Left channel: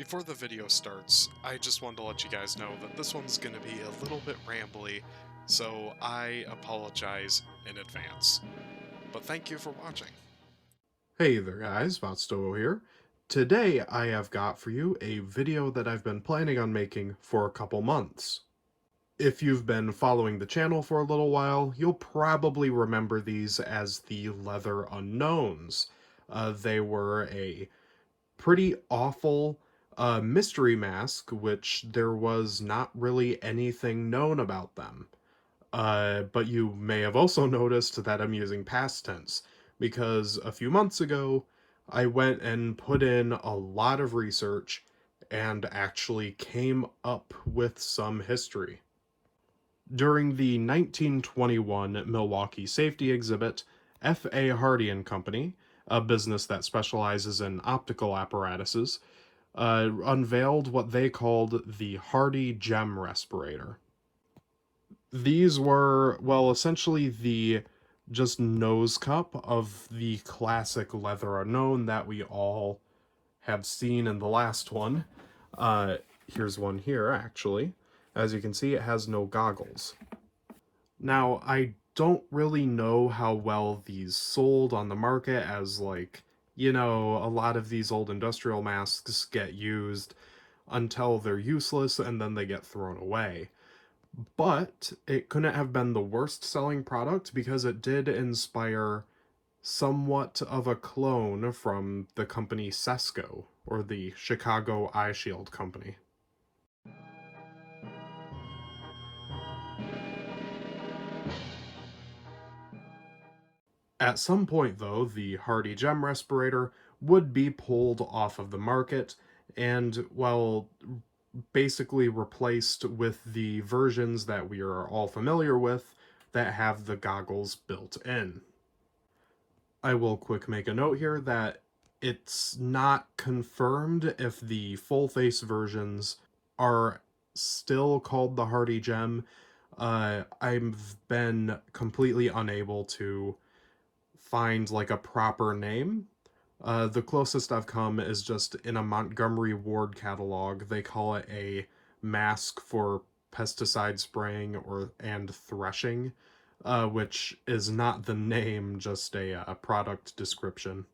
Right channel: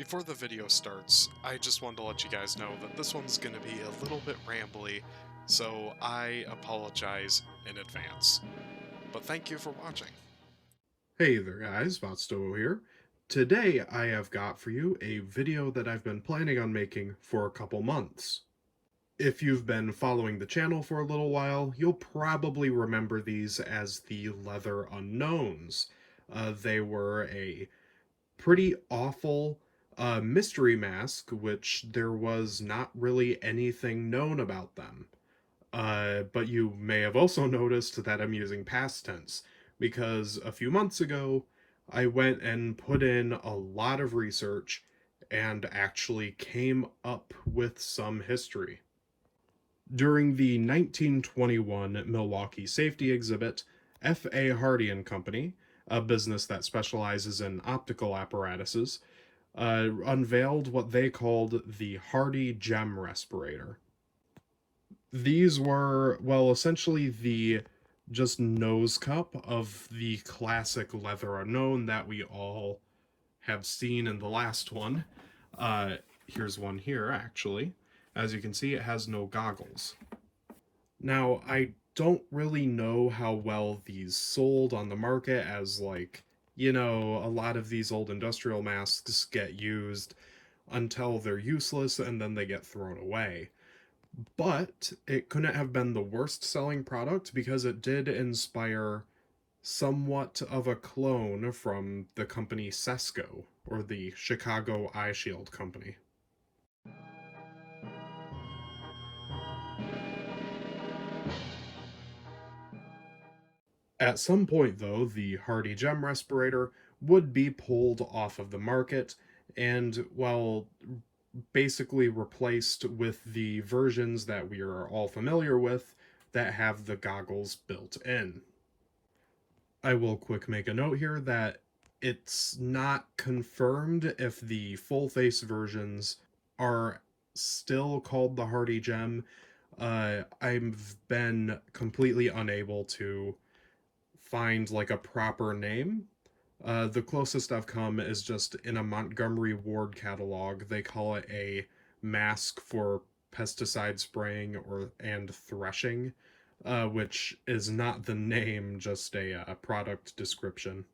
Before the video starts, I just wanted to let you guys know that this one's going to be a little bit rambly, so I apologize in advance. But thank you for watching. Hey there guys, Botstowo here. Today I have got for you a video that I've been planning on making for a couple months. If you've been following the channel for a little while, you'll probably remember these as the Leather Unknowns. They were a pretty awful mystery mask, which there was not really anything known about them. But you may have also noticed that I'm using past tense, because a few months ago, I went and put in a lot of research and actually came up with some history. During the 1921 Milwaukee Safety Exhibit, F.A. Hardy and Company, a business that specializes in optical apparatuses, unveiled what they called the Hardy Gem Respirator. These were, well, essentially the just nose cup of the classic Leather Unknown that we all have seen in the last one. Here's one here, actually. As you can see, it has no goggles. Now, I don't really know how well these sold on the market, as, like, a lot of these old industrial masks get used until they're useless and then they get thrown away. But it couldn't have been the worst selling product because it did inspire somewhat of a clone from the company Cesco, or the Chicago Eye Shield Company. At some point, though, the Hardy Gem Respirator would be pulled off of the market and, well, basically replaced with the versions that we are all familiar with that have the goggles built in. I will quick make a note here that it's not confirmed if the full face versions are still called the Hardy Gem. I've been completely unable to find like a proper name. The closest I've come is just in a Montgomery Ward catalog. They call it a mask for pesticide spraying and threshing, which is not the name, just a product description.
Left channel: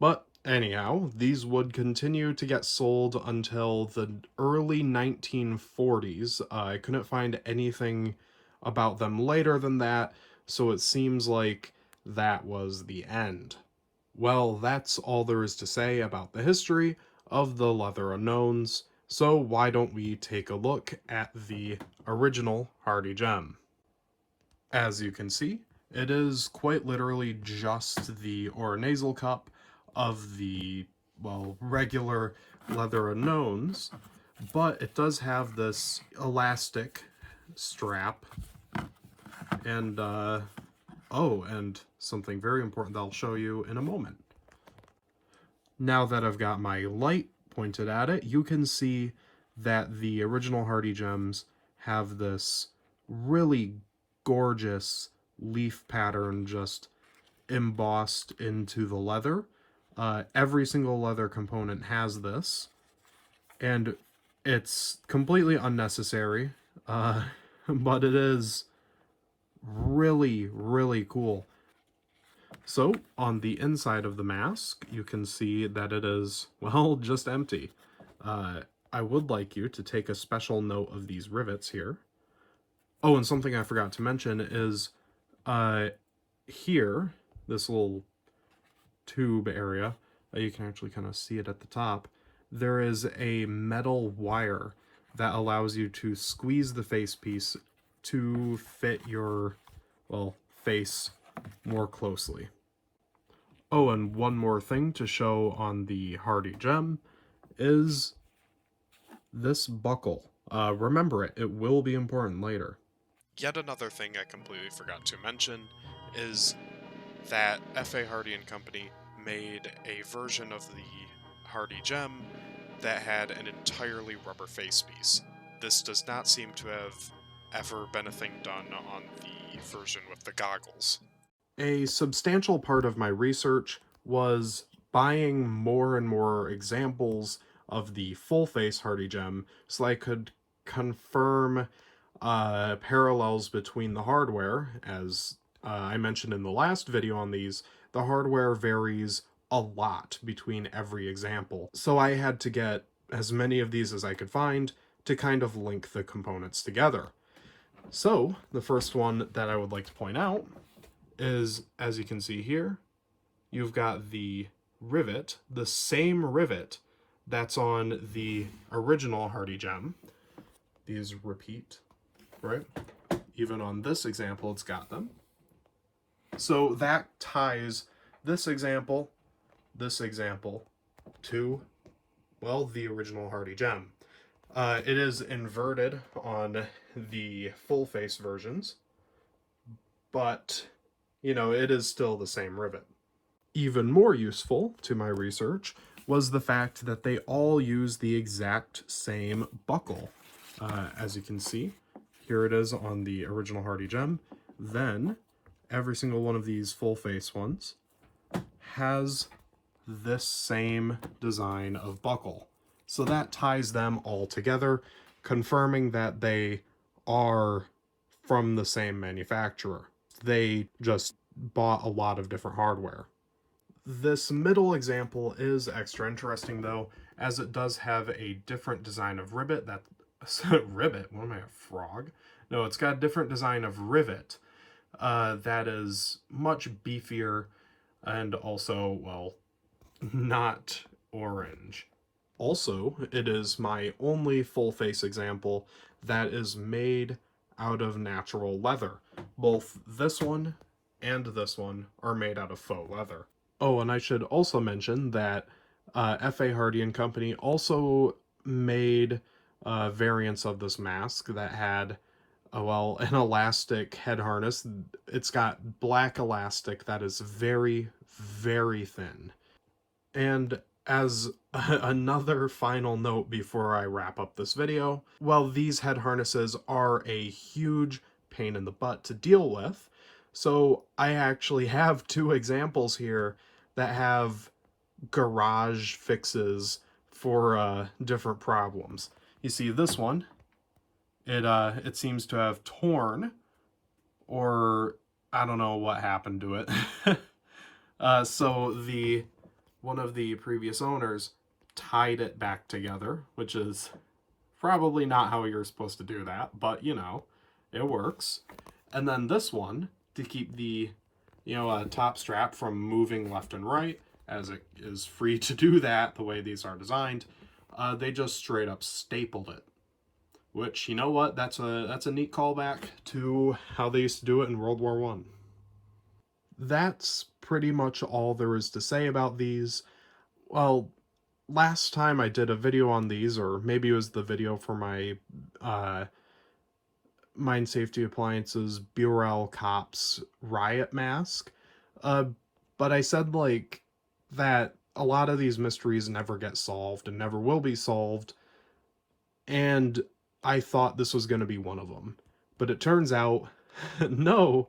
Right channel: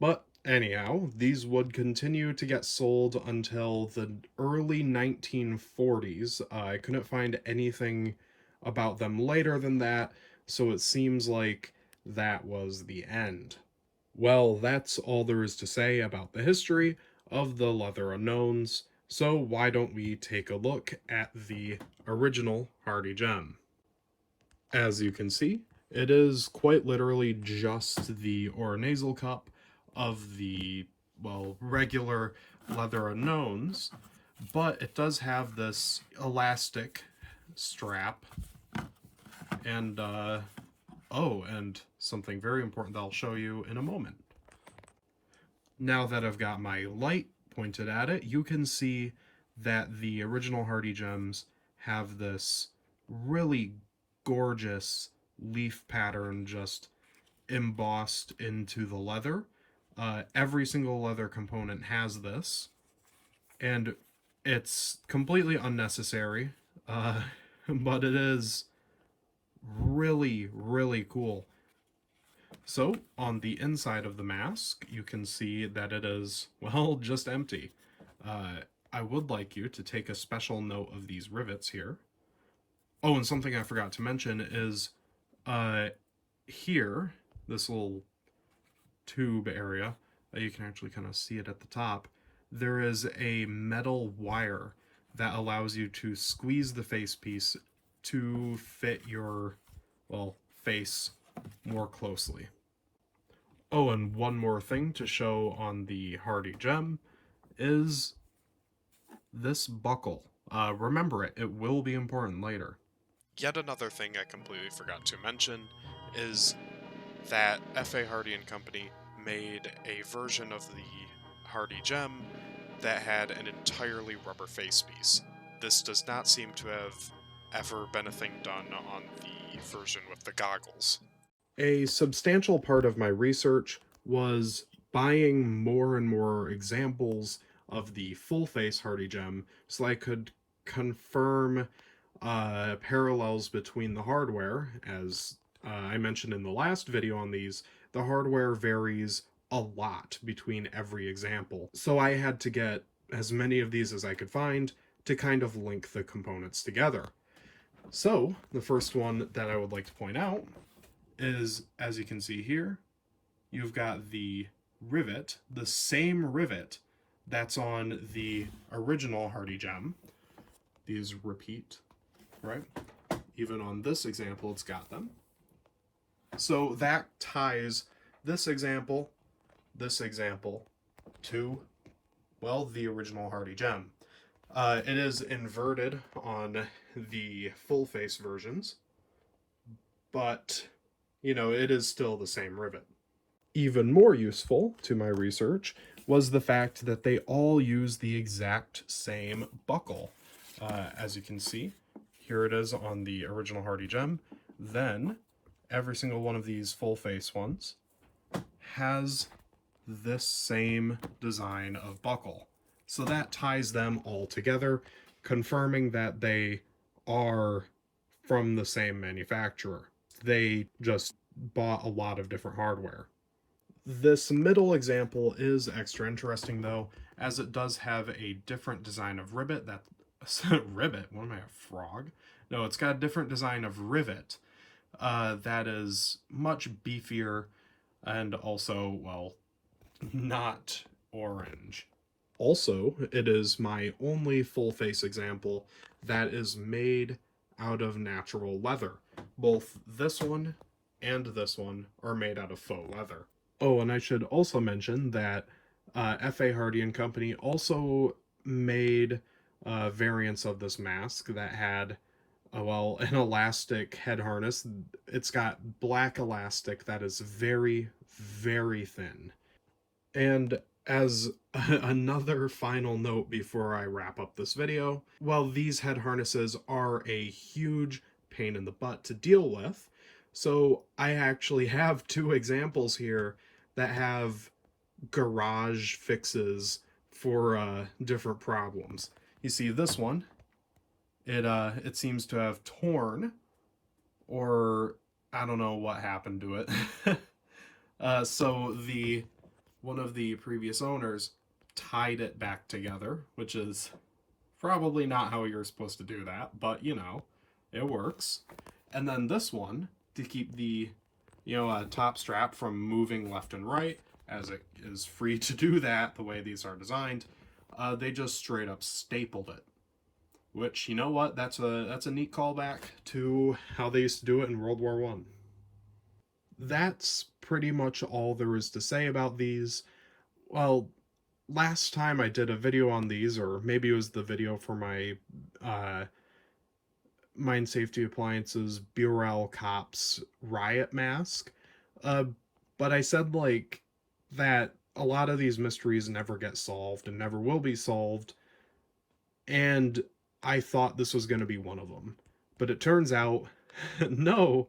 But anyhow, these would continue to get sold until the early 1940s. I couldn't find anything about them later than that, so it seems like that was the end. Well, that's all there is to say about the history of the Leather Unknowns, so why don't we take a look at the original Hardy Gem? As you can see, it is quite literally just the oronasal cup of the, well, regular Leather Unknowns, but it does have this elastic strap and and something very important that I'll show you in a moment. Now that I've got my light pointed at it, you can see that the original Hardy Gems have this really gorgeous leaf pattern just embossed into the leather. Every single leather component has this, and it's completely unnecessary, but it is really, really cool. So, on the inside of the mask, you can see that it is, well, just empty. I would like you to take a special note of these rivets here. Oh, and something I forgot to mention is, here, this little tube area, you can actually kind of see it at the top, there is a metal wire that allows you to squeeze the face piece to fit your, well, face more closely. Oh, and one more thing to show on the Hardy Gem is this buckle. Remember it, it will be important later. Yet another thing I completely forgot to mention is that F.A. Hardy and Company made a version of the Hardy Gem that had an entirely rubber face piece. This does not seem to have ever been a thing done on the version with the goggles. A substantial part of my research was buying more and more examples of the full face Hardy Gem so I could confirm parallels between the hardware. As I mentioned in the last video on these, the hardware varies a lot between every example. So I had to get as many of these as I could find to kind of link the components together. So the first one that I would like to point out is, as you can see here, you've got the rivet, the same rivet that's on the original Hardy Gem. These repeat, right? Even on this example, it's got them. So that ties this example to, well, the original Hardy Gem. It is inverted on the full face versions, but, you know, it is still the same rivet. Even more useful to my research was the fact that they all use the exact same buckle. As you can see, here it is on the original Hardy Gem. Then every single one of these full face ones has this same design of buckle. So that ties them all together, confirming that they are from the same manufacturer. They just bought a lot of different hardware. This middle example is extra interesting though, as it does have a different design of rivet. Rivet? What am I, a frog? No, it's got a different design of rivet that is much beefier and also, well, not orange. Also, it is my only full face example that is made out of natural leather. Both this one and this one are made out of faux leather. Oh, and I should also mention that F.A. Hardy and Company also made variants of this mask that had, well, an elastic head harness. It's got black elastic that is very, very thin. And as another final note before I wrap up this video, well, these head harnesses are a huge pain in the butt to deal with. So I actually have two examples here that have garage fixes for different problems. You see this one, it seems to have torn, or I don't know what happened to it. So one of the previous owners tied it back together, which is probably not how you're supposed to do that, but you know, it works. And then this one, to keep the, you know, top strap from moving left and right, as it is free to do that the way these are designed, they just straight up stapled it. Which, you know what, that's a neat callback to how they used to do it in World War I. That's pretty much all there is to say about these. Well, last time I did a video on these, or maybe it was the video for my Mine Safety Appliances Burel Cops riot mask, but I said, like, that a lot of these mysteries never get solved and never will be solved, and I thought this was going to be one of them. But it turns out, no,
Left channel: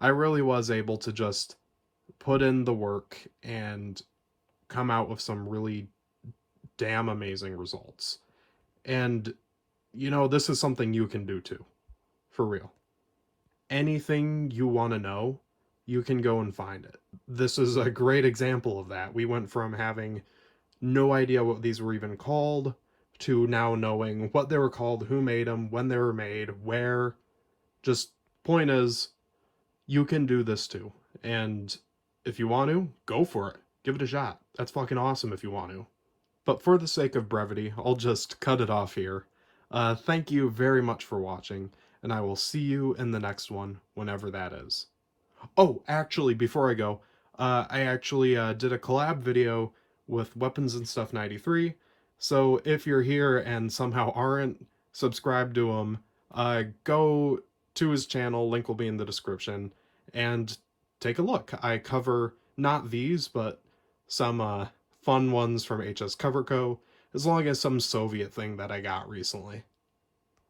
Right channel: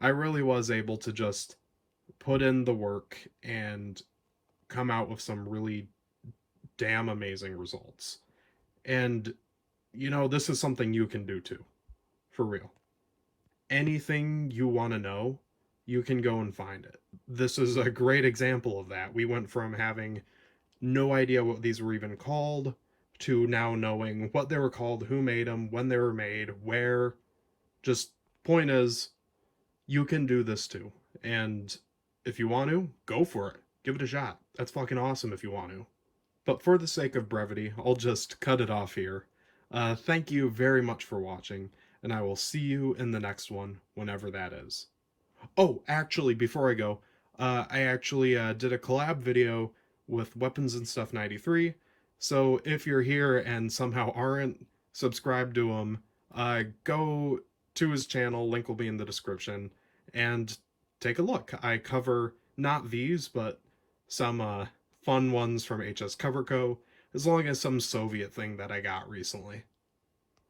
I really was able to just put in the work and come out with some really damn amazing results. And, you know, this is something you can do too. For real. Anything you want to know, you can go and find it. This is a great example of that. We went from having no idea what these were even called to now knowing what they were called, who made them, when they were made, where. Just point is, you can do this too. And if you want to, go for it. Give it a shot. That's fucking awesome if you want to. But for the sake of brevity, I'll just cut it off here. Thank you very much for watching, and I will see you in the next one, whenever that is. Oh, actually, before I go, I actually did a collab video with Weapons and Stuff 93, so if you're here and somehow aren't subscribed to him, go to his channel, link will be in the description, and take a look. I cover not these, but some fun ones from HS Cover Co., as long as some Soviet thing that I got recently.